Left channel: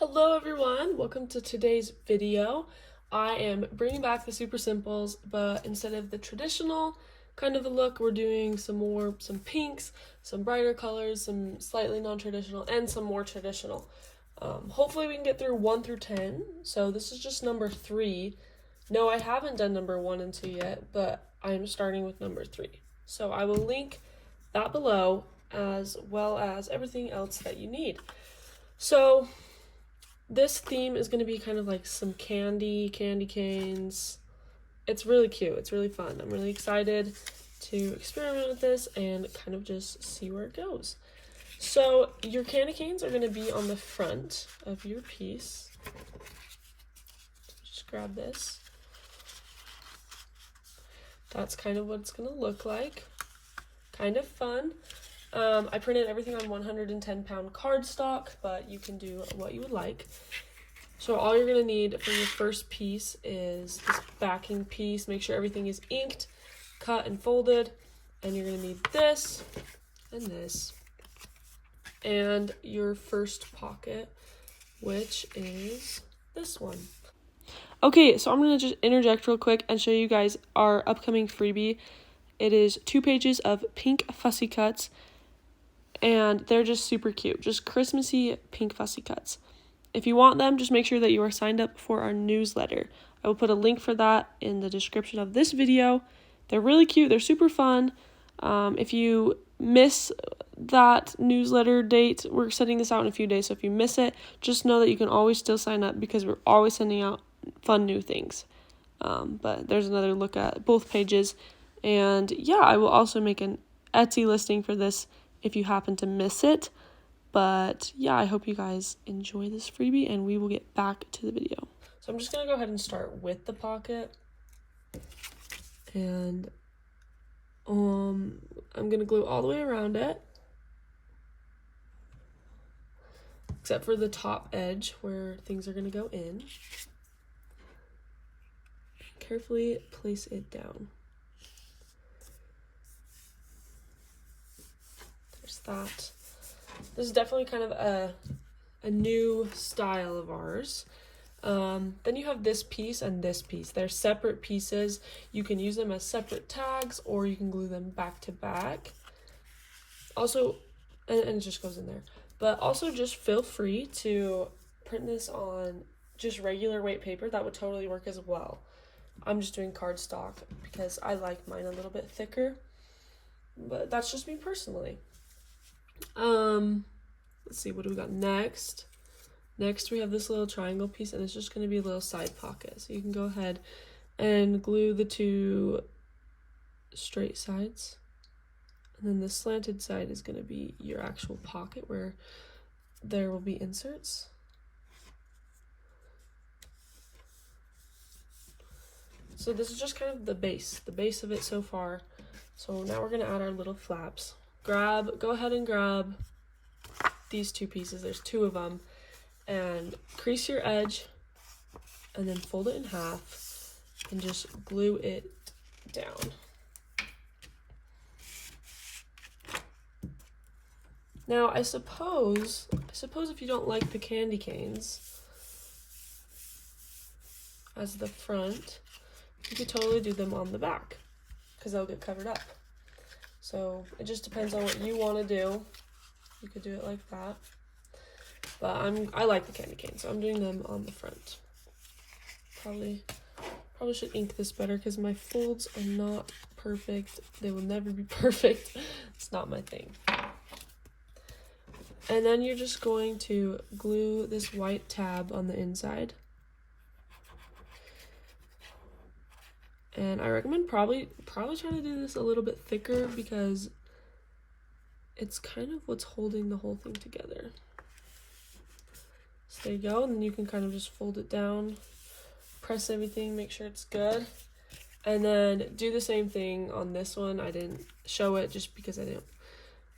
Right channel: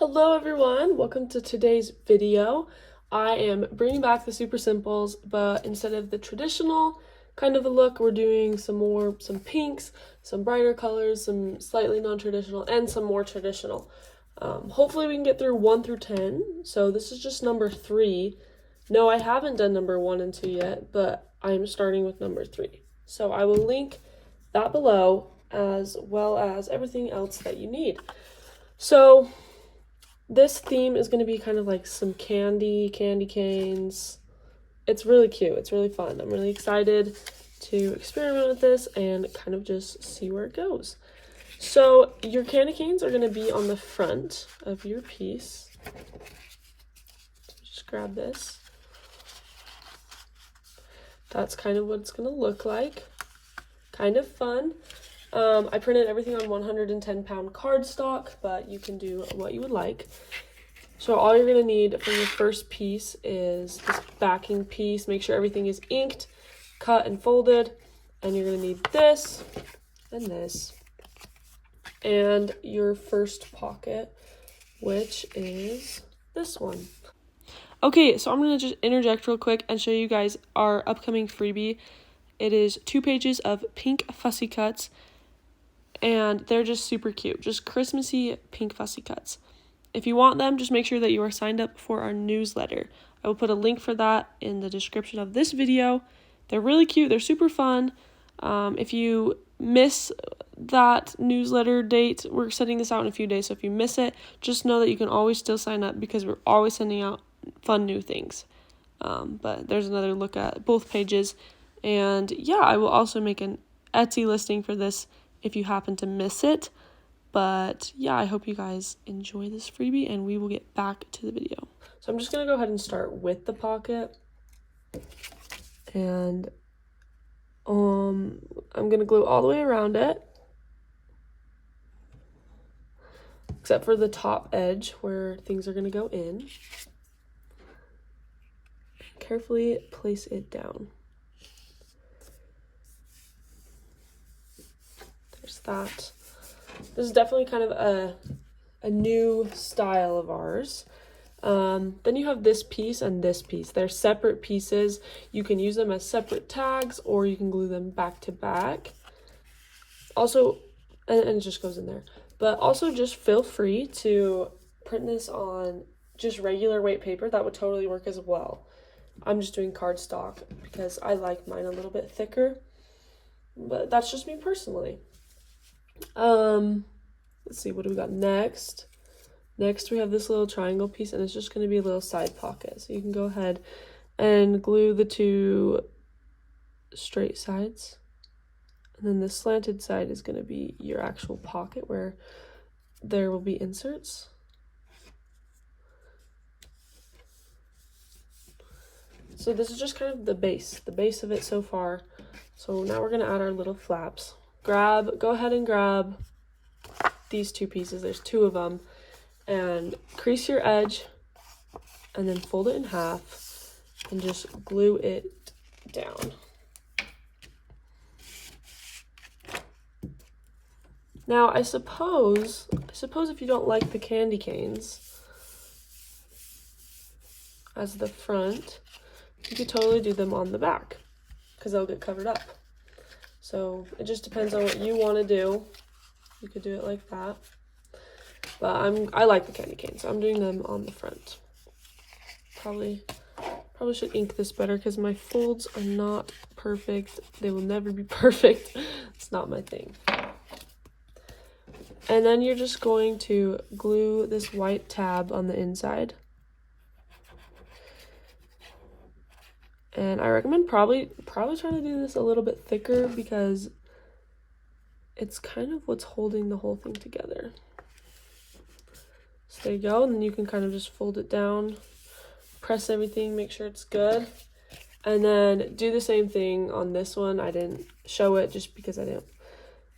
Hello everyone, welcome to today's video. I am bringing back the super simples, but instead of the traditional kind of a look, we're doing some pinks, some brighter colors, some slightly non-traditional, and some more traditional. Hopefully we can get through 1 through 10, so this is just number 3. No, I haven't done number 1 and 2 yet, but I'm starting with number 3. So I will link that below as well as everything else that you need. So this theme is going to be kind of like some candy canes. It's really cute. It's really fun. I'm really excited to experiment with this and kind of just see where it goes. So your candy canes are going to be on the front of your piece. Just grab this. That's kind of what it's going to look like. Kind of fun. I printed everything on 110-pound cardstock, but you can do what you would like. So all you're going to need for your first piece is this backing piece. Make sure everything is inked, cut, and folded. And you're going to need this and this. And your first pocket, which is this one. Okay, so I'm going to just interject real quick and show you guys our upcoming freebie. It is 2 pages of pink fussy cuts. And they're just super cute, just Christmassy pink fussy cuts. If you want them, just make sure that you are signed up for our newsletter. I will put a link for that in the description of this video. They're really cute, they're super fun. If you miss that newsletter date, we're sending this out in a few days, so if you miss it, just know that you can always still sign up because we're always sending out fun new things. But there's another look at both pages. And yeah, I will also make an Etsy listing for this if you happen to miss it. But yeah, I hope you guys enjoy this freebie and we will get back to the video. So I'm just going to go ahead and start with the pocket. And I'm going to glue all the way around it. Except for the top edge where things are going to go in. Carefully place it down. That. This is definitely kind of a new style of ours. Then you have this piece and this piece. They're separate pieces. You can use them as separate tags or you can glue them back to back. Also, and it just goes in there. But also just feel free to print this on just regular weight paper. That would totally work as well. I'm just doing cardstock because I like mine a little bit thicker. But that's just me personally. Let's see, what do we got next? Next we have this little triangle piece and it's just going to be a little side pocket. So you can go ahead and glue the 2 straight sides. And then the slanted side is going to be your actual pocket where there will be inserts. So this is just kind of the base of it so far. So now we're going to add our little flaps. Go ahead and grab these 2 pieces. There's 2 of them. And crease your edge and then fold it in half and just glue it down. Now, I suppose if you don't like the candy canes as the front, you could totally do them on the back because they'll get covered up. So it just depends on what you want to do. You could do it like that. But I like the candy cane, so I'm doing them on the front. Probably should ink this better because my folds are not perfect. They will never be perfect. It's not my thing. And then you're just going to glue this white tab on the inside. And I recommend probably trying to do this a little bit thicker because it's kind of what's holding the whole thing together. So there you go, and then you can kind of just fold it down, press everything, make sure it's good. And then do the same thing on this one. I didn't show it just because I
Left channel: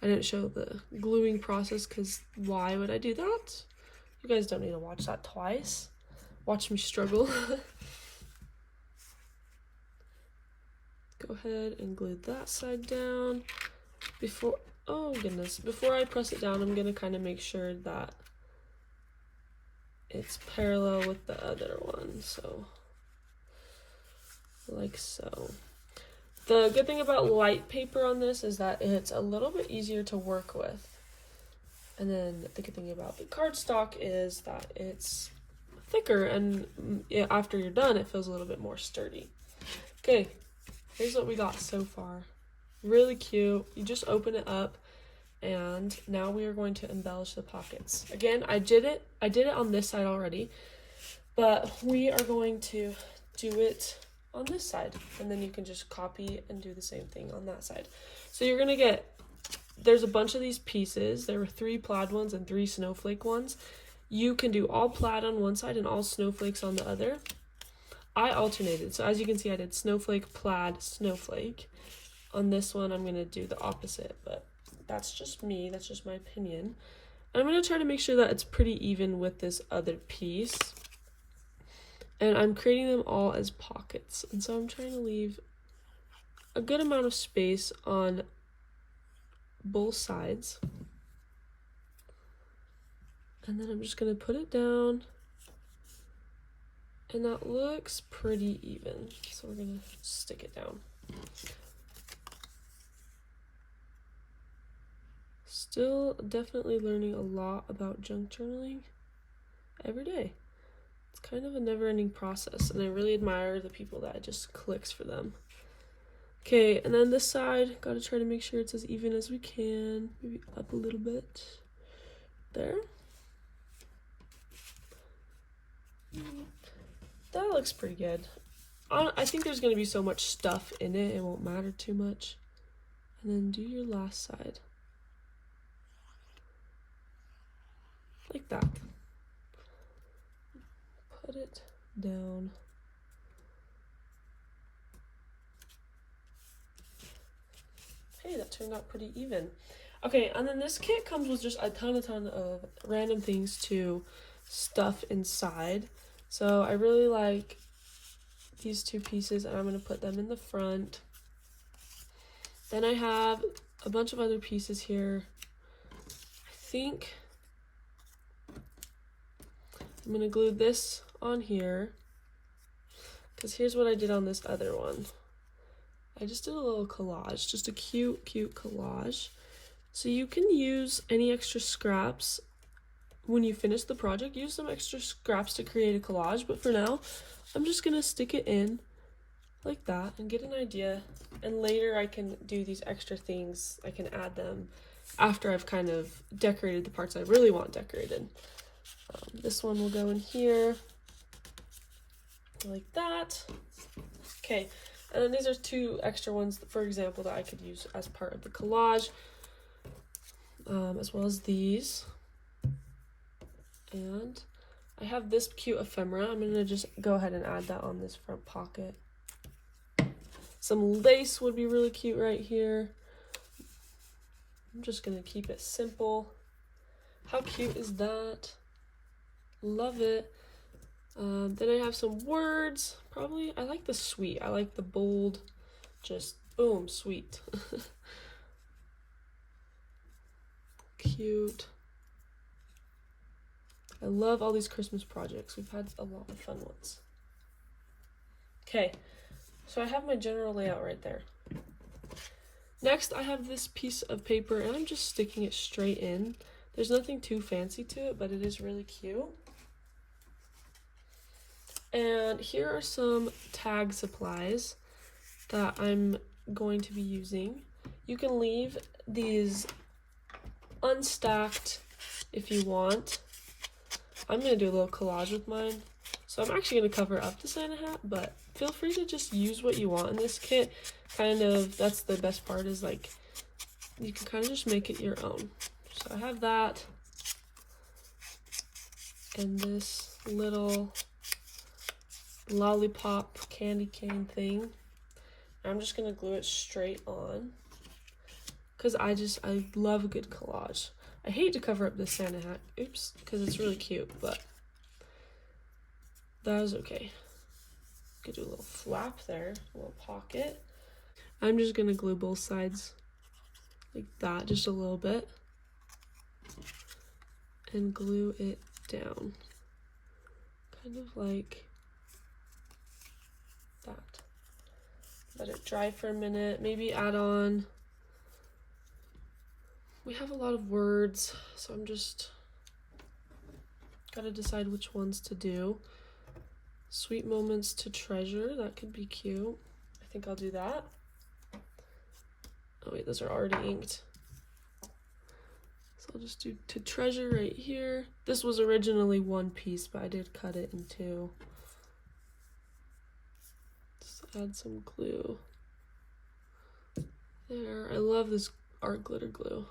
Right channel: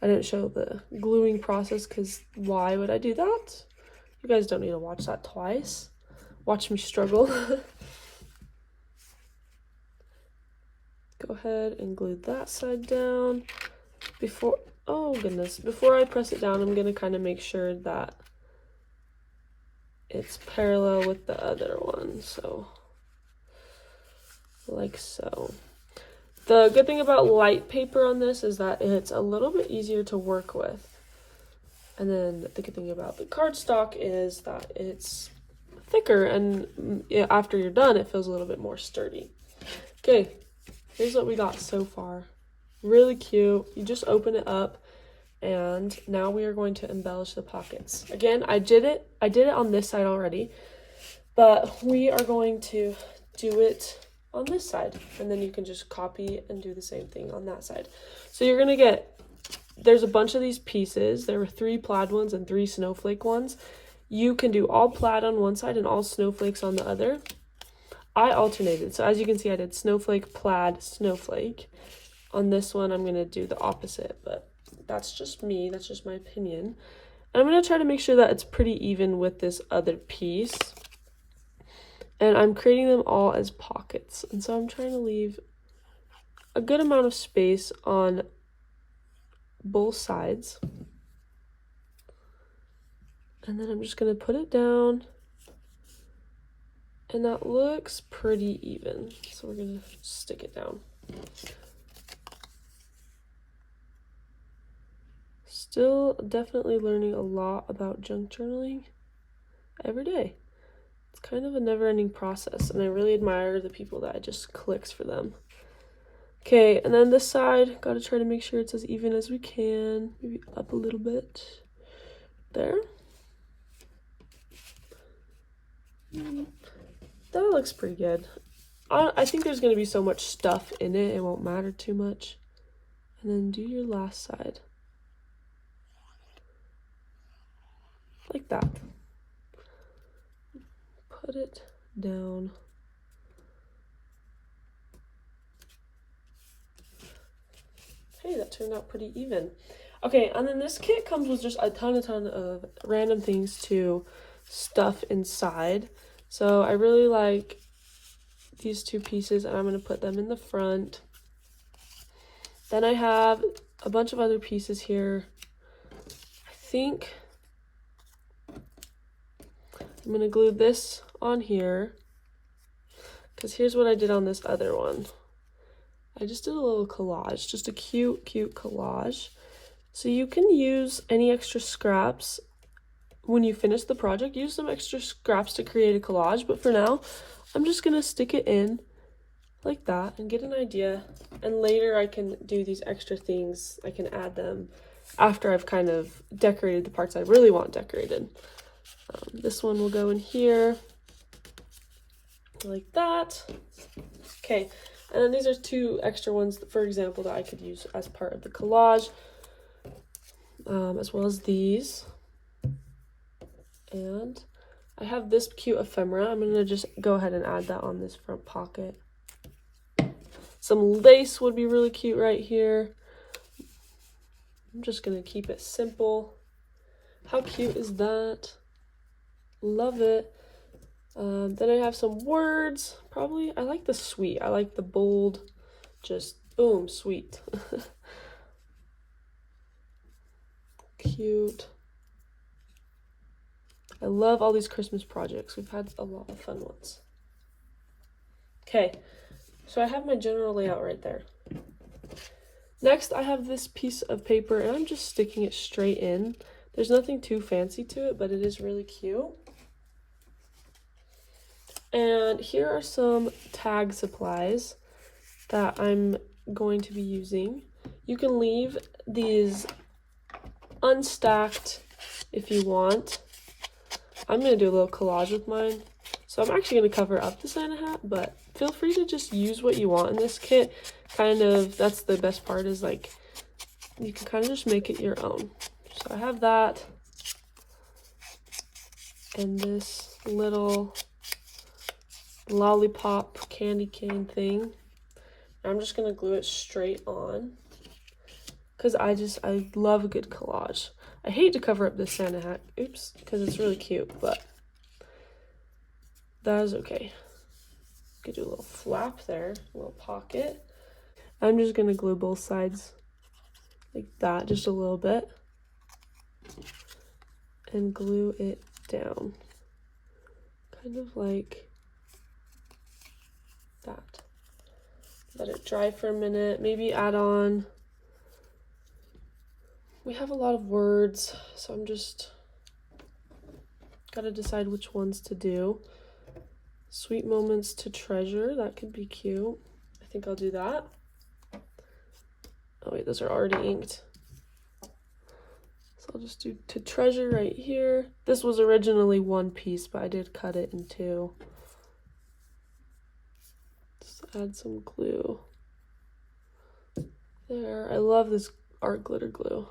didn't show the gluing process because why would I do that? You guys don't need to watch that twice. Watch me struggle. Go ahead and glue that side down. Before I press it down, I'm going to kind of make sure that it's parallel with the other one, so like so. The good thing about light paper on this is that it's a little bit easier to work with. And then the good thing about the cardstock is that it's thicker, and after you're done, it feels a little bit more sturdy. Okay, here's what we got so far. Really cute. You just open it up, and now we are going to embellish the pockets. Again, I did it on this side already, but we are going to do it on this side, and then you can just copy and do the same thing on that side. So you're gonna get, there's a bunch of these pieces. There were 3 plaid ones and 3 snowflake ones. You can do all plaid on one side and all snowflakes on the other. I alternated, so as you can see, I did snowflake, plaid, snowflake. On this one, I'm gonna do the opposite, but that's just me, that's just my opinion. And I'm gonna try to make sure that it's pretty even with this other piece. And I'm creating them all as pockets. And so I'm trying to leave a good amount of space on both sides. And then I'm just gonna put it down. And that looks pretty even. So we're gonna stick it down. Still definitely learning a lot about junk journaling every day. It's kind of a never-ending process, and I really admire the people that it just clicks for them. Okay, and then this side, gotta try to make sure it's as even as we can. Maybe up a little bit. There. That looks pretty good. I think there's gonna be so much stuff in it, it won't matter too much. And then do your last side. Like that. Put it down. Hey, that turned out pretty even. Okay, and then this kit comes with just a ton of random things to stuff inside. So I really like these 2 pieces, and I'm going to put them in the front. Then I have a bunch of other pieces here. I think I'm going to glue this on here, because here's what I did on this other one. I just did a little collage, just a cute collage. So you can use any extra scraps when you finish the project. Use some extra scraps to create a collage, but for now, I'm just going to stick it in like that and get an idea. And later I can do these extra things. I can add them after I've kind of decorated the parts I really want decorated. This one will go in here like that. Okay, and then these are 2 extra ones, for example, that I could use as part of the collage, as well as these. And I have this cute ephemera. I'm gonna just go ahead and add that on this front pocket. Some lace would be really cute right here. I'm just gonna keep it simple. How cute is that? Love it. Then I have some words. Probably, I like the sweet. I like the bold, just boom, sweet. Cute. I love all these Christmas projects. We've had a lot of fun ones. Okay, so I have my general layout right there. Next, I have this piece of paper, and I'm just sticking it straight in. There's nothing too fancy to it, but it is really cute. And here are some tag supplies that I'm going to be using. You can leave these unstacked if you want. I'm going to do a little collage with mine. So I'm actually going to cover up the Santa hat, but feel free to just use what you want in this kit. Kind of, that's the best part, is like, you can kind of just make it your own. So I have that. And this little lollipop candy cane thing. I'm just gonna glue it straight on because I love a good collage. I hate to cover up this Santa hat, oops, because it's really cute, but that is okay. Could do a little flap there, a little pocket. I'm just gonna glue both sides like that, just a little bit, and glue it down. kind of like that. Let it dry for a minute, maybe add on. We have a lot of words, so I'm just gotta decide which ones to do. Sweet moments to treasure, that could be cute. I think I'll do that. Oh wait, those are already inked. So I'll just do to treasure right here. This was originally one piece, but I did cut it in two. Just add some glue. There, I love this art glitter glue.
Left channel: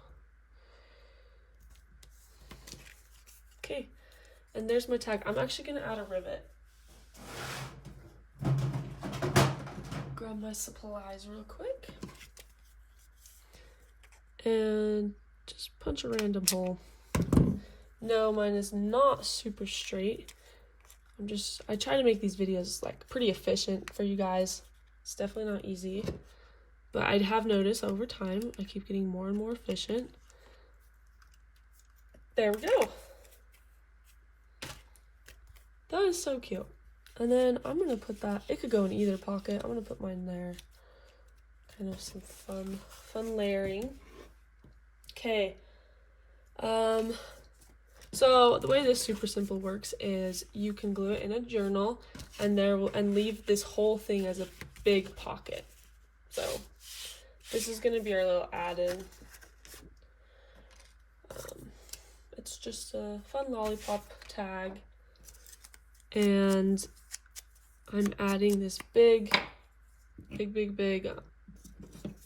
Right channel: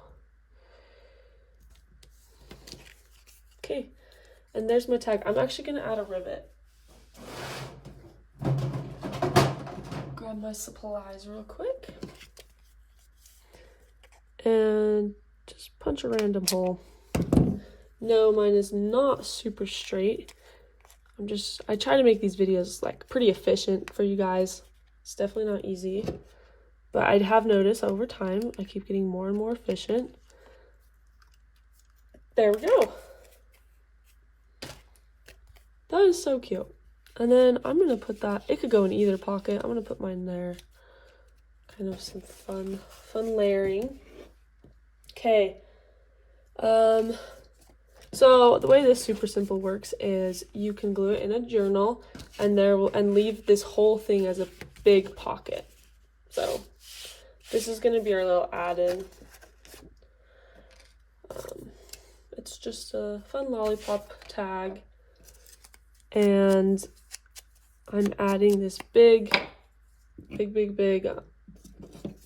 Okay, and there's my tag. I'm actually gonna add a rivet. Grab my supplies real quick. And just punch a random hole. No, mine is not super straight. I try to make these videos like pretty efficient for you guys. It's definitely not easy, but I have noticed over time I keep getting more and more efficient. There we go. That is so cute. And then I'm gonna put that, it could go in either pocket. I'm gonna put mine there. Kind of some fun layering. Okay. So the way this super simple works is you can glue it in a journal and leave this whole thing as a big pocket. So this is gonna be our little add-in. It's just a fun lollipop tag. And I'm adding this big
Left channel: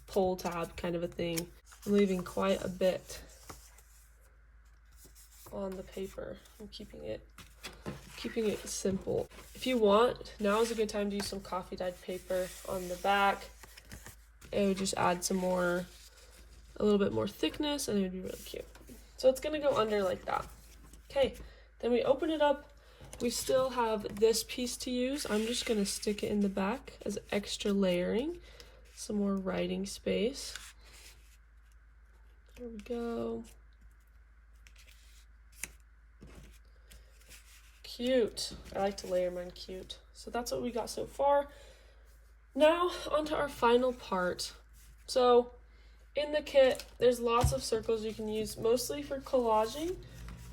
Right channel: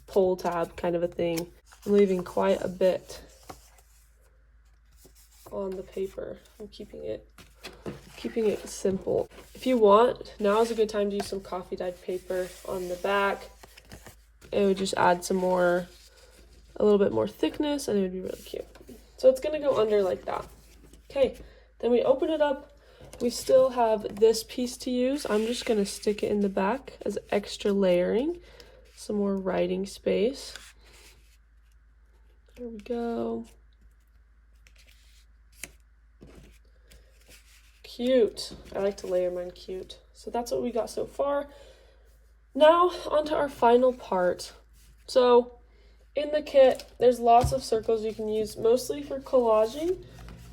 pull tab kind of a thing. I'm leaving quite a bit on the paper. I'm keeping it simple. If you want, now is a good time to use some coffee dyed paper on the back. It would just add a little bit more thickness, and it would be really cute. So it's gonna go under like that. Okay, then we open it up. We still have this piece to use. I'm just gonna stick it in the back as extra layering, some more writing space. There we go. Cute. I like to layer mine cute. So that's what we got so far. Now onto our final part. So in the kit, there's lots of circles you can use, mostly for collaging,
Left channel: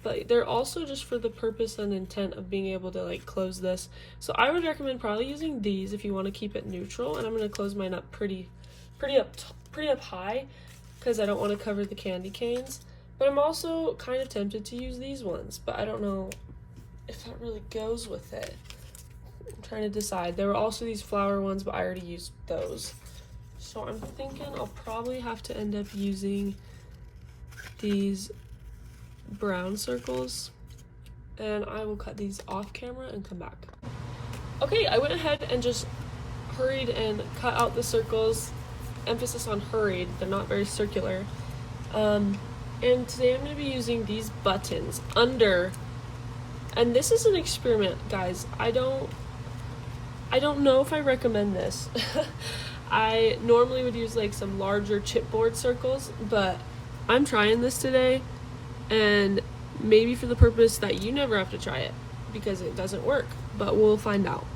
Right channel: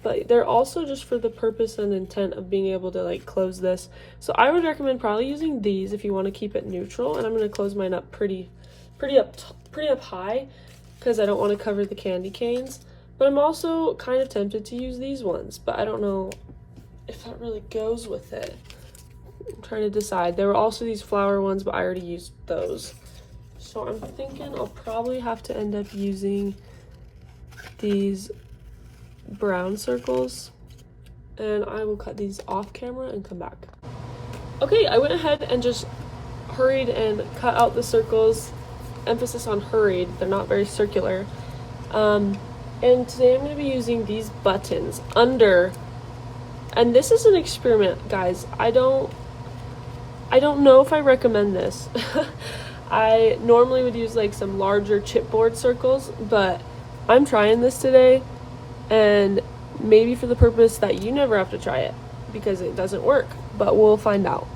but they're also just for the purpose and intent of being able to like close this. So I would recommend probably using these if you want to keep it neutral, and I'm going to close mine up pretty up high because I don't want to cover the candy canes. But I'm also kind of tempted to use these ones, but I don't know if that really goes with it. I'm trying to decide. There were also these flower ones, but I already used those. So I'm thinking I'll probably have to end up using these brown circles, and I will cut these off camera and come back. Okay, I went ahead and just hurried and cut out the circles. Emphasis on hurried, they're not very circular. And today I'm going to be using these buttons under, and this is an experiment, guys. I don't know if I recommend this. I normally would use like some larger chipboard circles, but I'm trying this today, and maybe for the purpose that you never have to try it because it doesn't work, but we'll find out.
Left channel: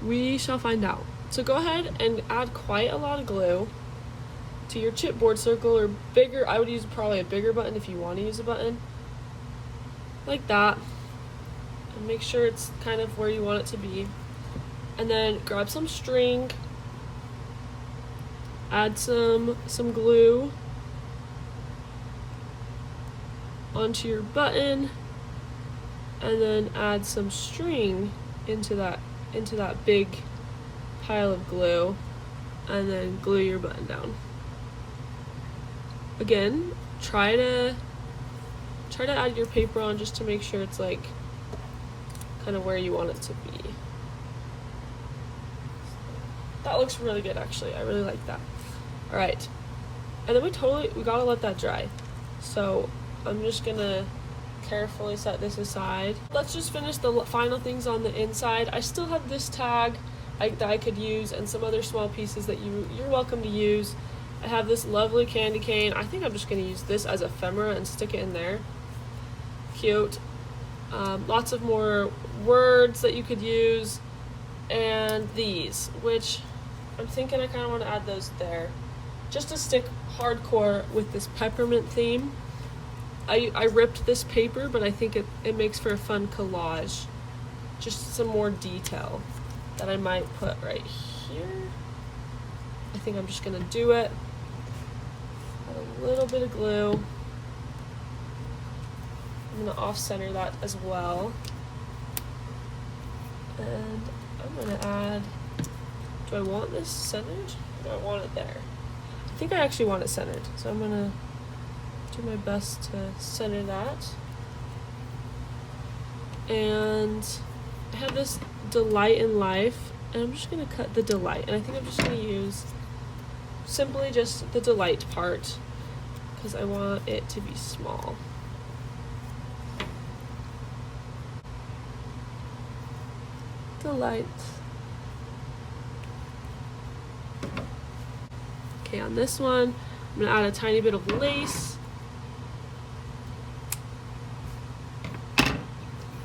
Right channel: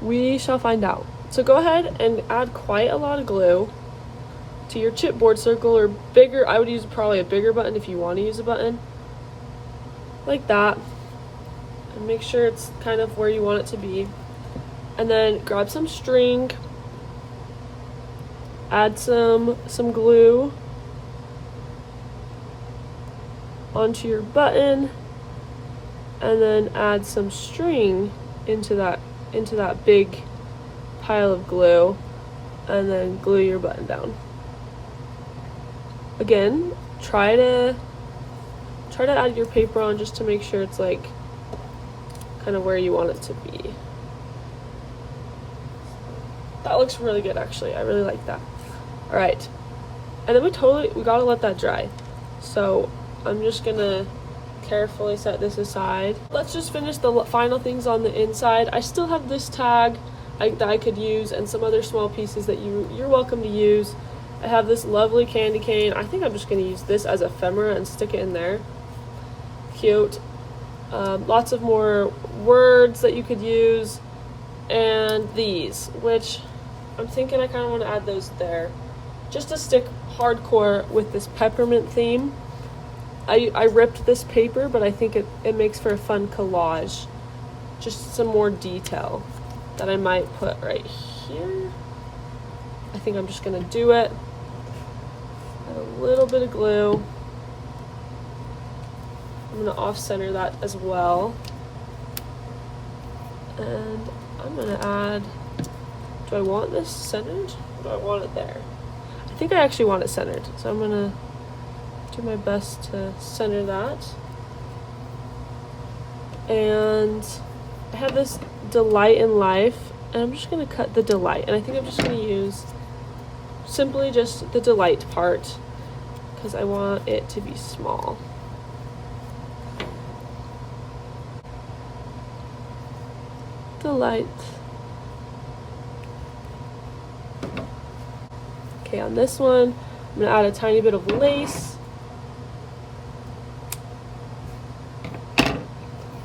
We shall find out. So go ahead and add quite a lot of glue to your chipboard circle, or bigger. I would use probably a bigger button if you want to use a button like that, and make sure it's kind of where you want it to be. And then grab some string, add some glue onto your button, and then add some string into that big pile of glue, and then glue your button down. Again, try to add your paper on just to make sure it's like kind of where you want it to be. That looks really good, actually. I really like that. All right, and then we gotta let that dry. So I'm just gonna carefully set this aside. Let's just finish the final things on the inside. I still have this tag that I could use, and some other small pieces that you're welcome to use. I have this lovely candy cane. I think I'm just gonna use this as ephemera and stick it in there. Cute. Lots of more words that you could use, and these, which I'm thinking I kind of want to add those there, just to stick hardcore with this peppermint theme. I ripped this paper, but I think it makes for a fun collage. Just some more detail that I might put right here. I think I'm just gonna do it. A little bit of glue. I'm gonna off-center that as well. And I'm gonna add, do I want this centered? Or do I want it there? I think I actually want it centered. So I'm gonna do my best to center that. And I have this delight in life, and I'm just gonna cut the delight. And I think I'm just gonna use simply just the delight part because I want it to be small. Delight. Okay, on this one, I'm gonna add a tiny bit of lace.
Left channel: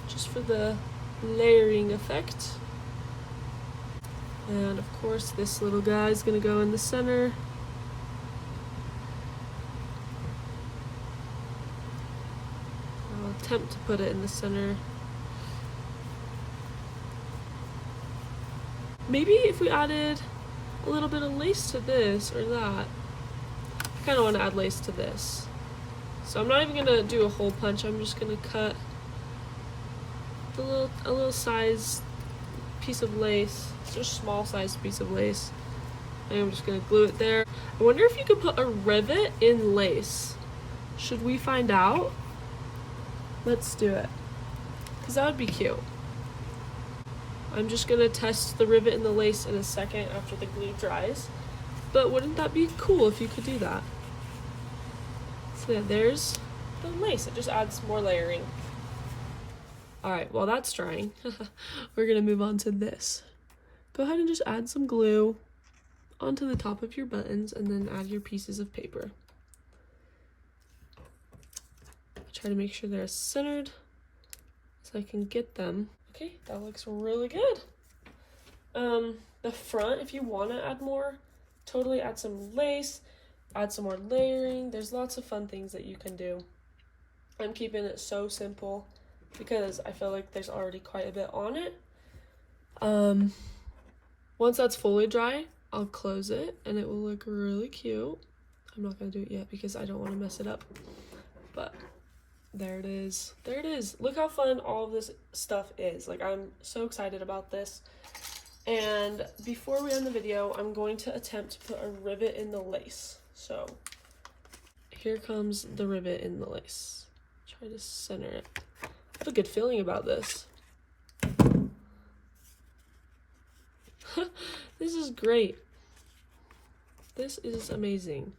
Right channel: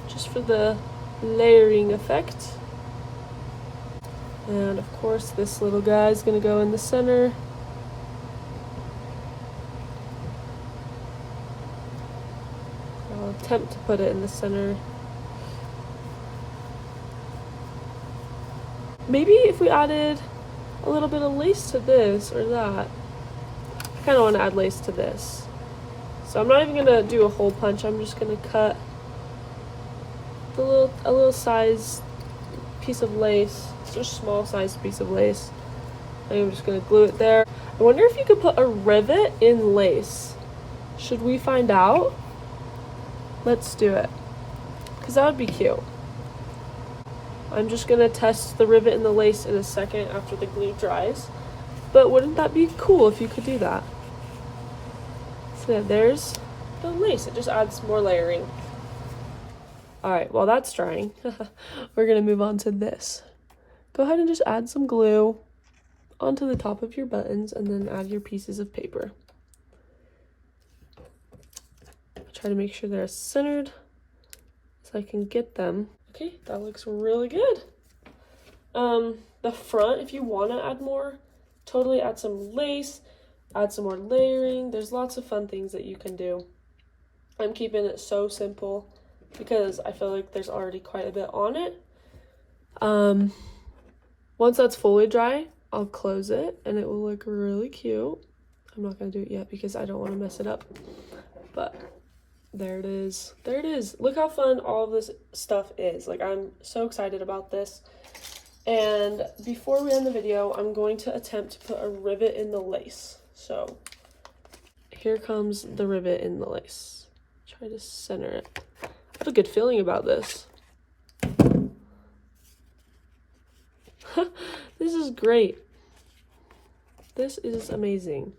Just for the layering effect. And of course, this little guy is gonna go in the center. I'll attempt to put it in the center. Maybe if we added a little bit of lace to this or that. I kind of want to add lace to this. So I'm not even going to do a hole punch. I'm just going to cut a little size piece of lace. It's just a small size piece of lace. And I'm just going to glue it there. I wonder if you could put a rivet in lace. Should we find out? Let's do it. Because that would be cute. I'm just gonna test the rivet and the lace in a second after the glue dries. But wouldn't that be cool if you could do that? So yeah, there's the lace. It just adds more layering. Alright, while that's drying, we're gonna move on to this. Go ahead and just add some glue onto the top of your buttons and then add your pieces of paper. Try to make sure they're centered so I can get them. Okay, that looks really good. The front, if you want to add more, totally add some lace, add some more layering. There's lots of fun things that you can do. I'm keeping it so simple because I feel like there's already quite a bit on it. Once that's fully dry, I'll close it and it will look really cute. I'm not going to do it yet because I don't want to mess it up. But there it is. There it is. Look how fun all of this stuff is. Like, I'm so excited about this. And before we end the video, I'm going to attempt to put a rivet in the lace. So here comes the rivet in the lace. Try to center it. I have a good feeling about this. This is great. This is amazing.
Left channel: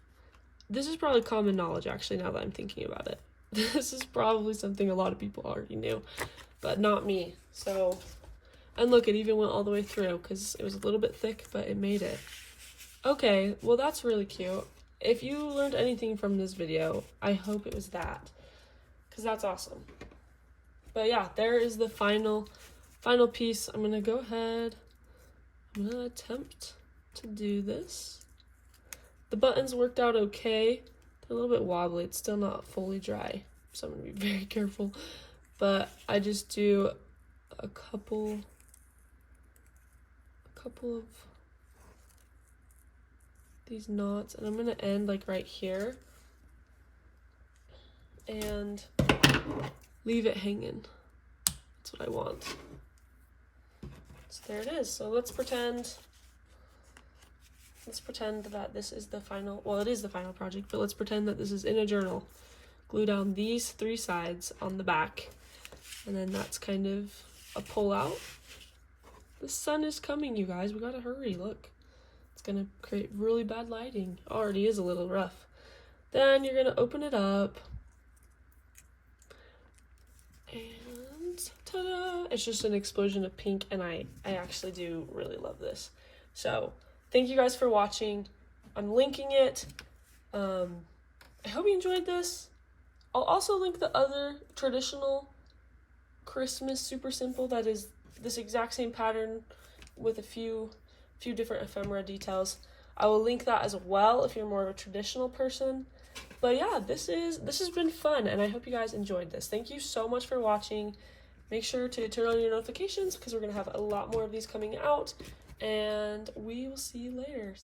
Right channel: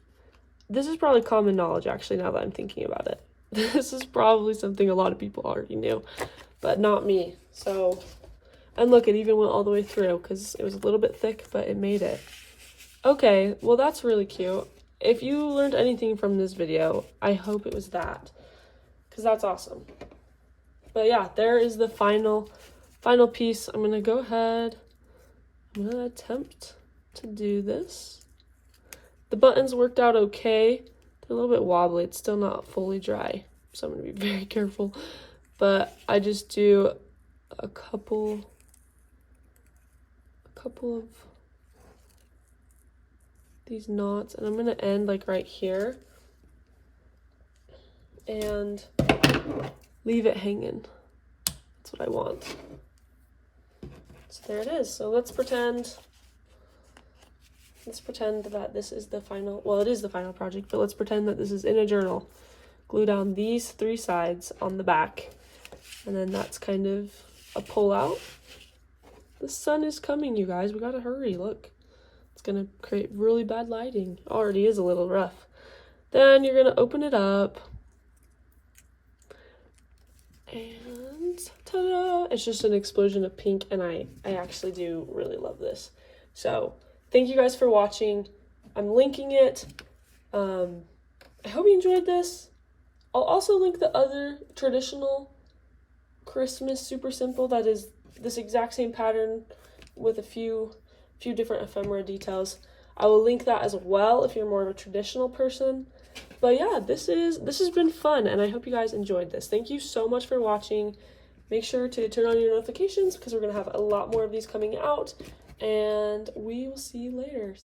This is probably common knowledge, actually, now that I'm thinking about it. This is probably something a lot of people already knew, but not me. So, and look, it even went all the way through because it was a little bit thick, but it made it. Okay, well, that's really cute. If you learned anything from this video, I hope it was that, because that's awesome. But yeah, there is the final piece. I'm going to go ahead. I'm going to attempt to do this. The buttons worked out okay. They're a little bit wobbly. It's still not fully dry, so I'm going to be very careful. But I just do a couple of these knots, and I'm going to end like right here and leave it hanging. That's what I want. So there it is. So let's pretend that this is the final, well, it is the final project, but let's pretend that this is in a journal. Glue down these 3 sides on the back, and then that's kind of a pull out. The sun is coming, you guys. We gotta hurry. Look, it's gonna create really bad lighting. Already is a little rough. Then you're gonna open it up, and ta-da! It's just an explosion of pink, and I actually do really love this. So thank you guys for watching. I'm linking it. I hope you enjoyed this. I'll also link the other traditional Christmas super simple that is this exact same pattern with a few different ephemera details. I will link that as well if you're more of a traditional person. But yeah, this has been fun, and I hope you guys enjoyed this. Thank you so much for watching. Make sure to turn on your notifications because we're going to have a lot more of these coming out, and we will see you later.